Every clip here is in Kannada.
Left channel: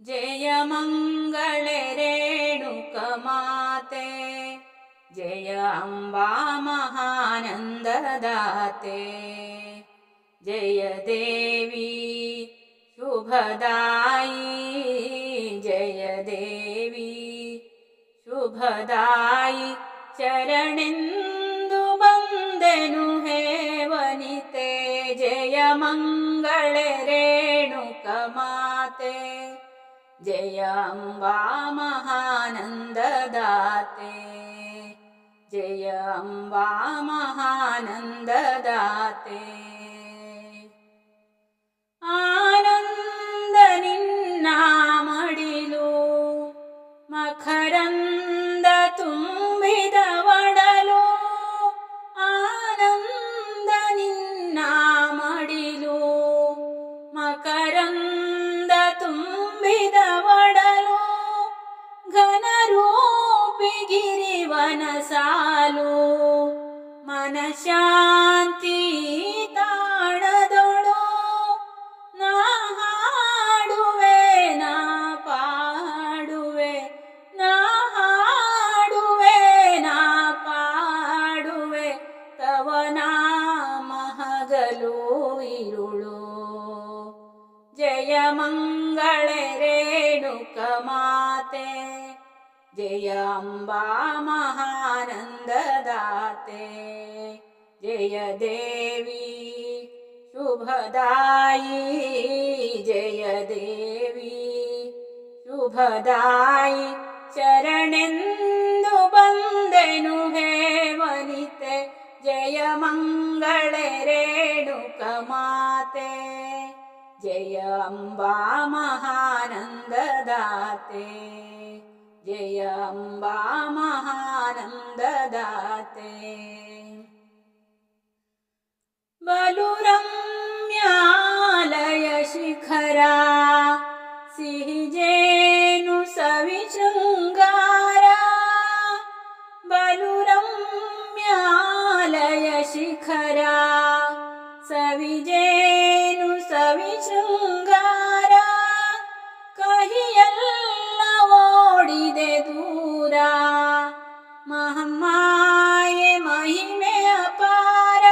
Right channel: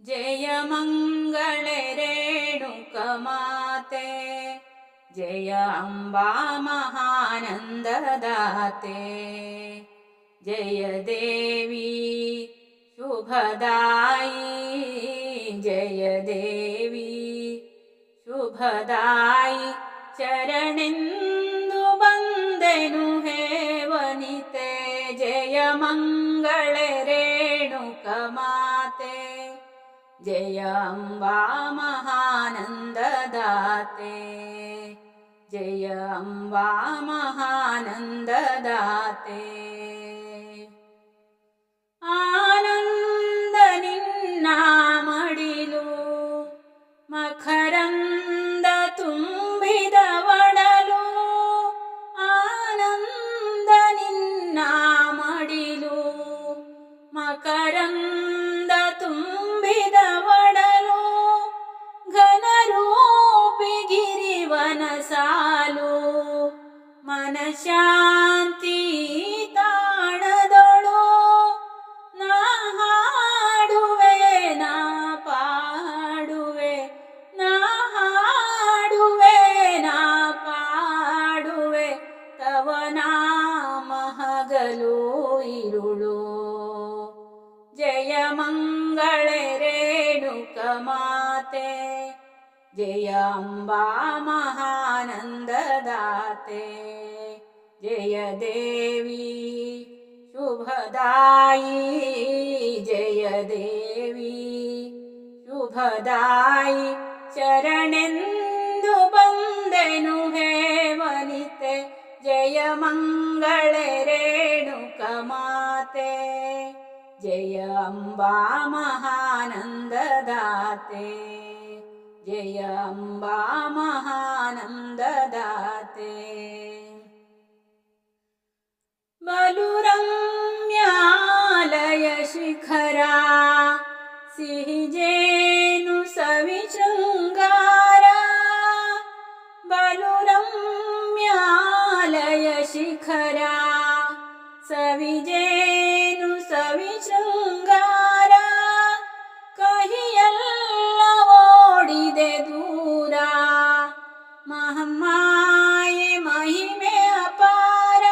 जय मंगले रेणुकमाते, जय अम्बा महानन्ददाते, जय देवी शुभदायी, जय देवी शुभदायी। शरणेंदु बंदेनु हे वनिते, जय मंगले रेणुकमाते, जय अम्बा महानन्ददाते, जय अम्बा महानन्ददाते। आनंद निन्न मडिलु मकरंद ತುಂಬಿದ ಒಡಲು, ಆನಂದ ನಿನ್ನ ಮಡಿಲು ಮಕರಂದ ತುಂಬಿದ ಒಡಲು, ಘನರೂಪಿ ಗಿರಿವನ ಸಾಲು, ಮನಶಾಂತಿ ತಾಣದೊಳು, ನಾ ಹಾಡುವೆ ನಾ ಪಾಡುವೆ, ನಾ ಹಾಡುವೆ ನಾ ಪಾಡುವೆ, ತವ ನಾಮ ಹಗಲು ಇರುಳು। जय मंगले रेणुकमाते, जय अम्बा महानन्ददाते, जय देवी शुभदायी, जय देवी शुभदायी। शरणेंदु बंदेनु हे वनिते, जय मंगले रेणुकमाते, जय अम्बा महानन्ददाते, जय अम्बा महानन्ददाते। बलु रम्यालय शिखरा, सिहिजेनु सवि शृंगारा, बलु रम्यालय शिखरा, सविजेनु सवि शृंगार, कहियೆಲ್ಲ ಓಡಿದೆ ದೂರ, ಮಹಮ್ಮಾಯೆ ಮಹಿಮೆ ಅಪಾರ,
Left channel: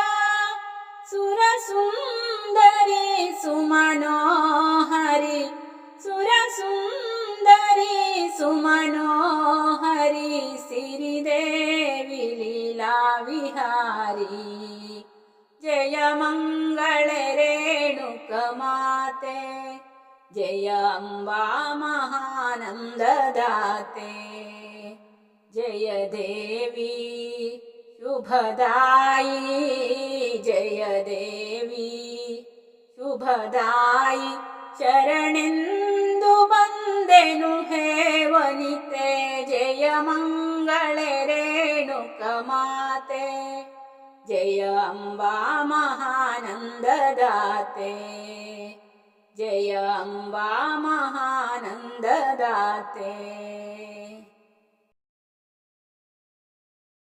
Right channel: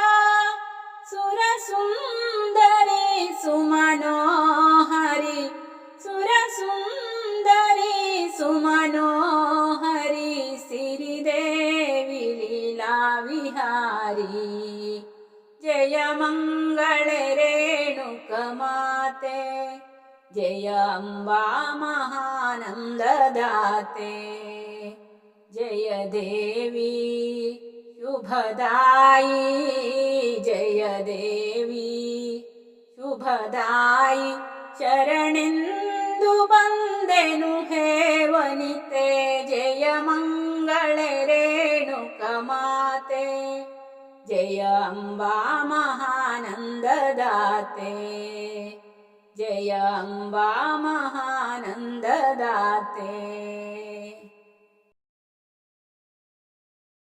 ಸುರ ಸುಂದರಿ ಸುಮನೋಹರಿ, ಸುರ ಸುಂದರಿ ಸುಮನೋಹರಿ, ಸಿರಿದೇವಿ ಲೀಲಾ ವಿಹಾರಿ। जय मंगले रेणुकमाते, जय अम्बा महानन्ददाते, जय देवी शुभदायी, जय देवी शुभदायी। शरणेंदु बंदेनु हे वनिते, जय मंगले रेणुकमाते, जय अम्बा महानन्ददाते, जय अम्बा महानन्ददाते।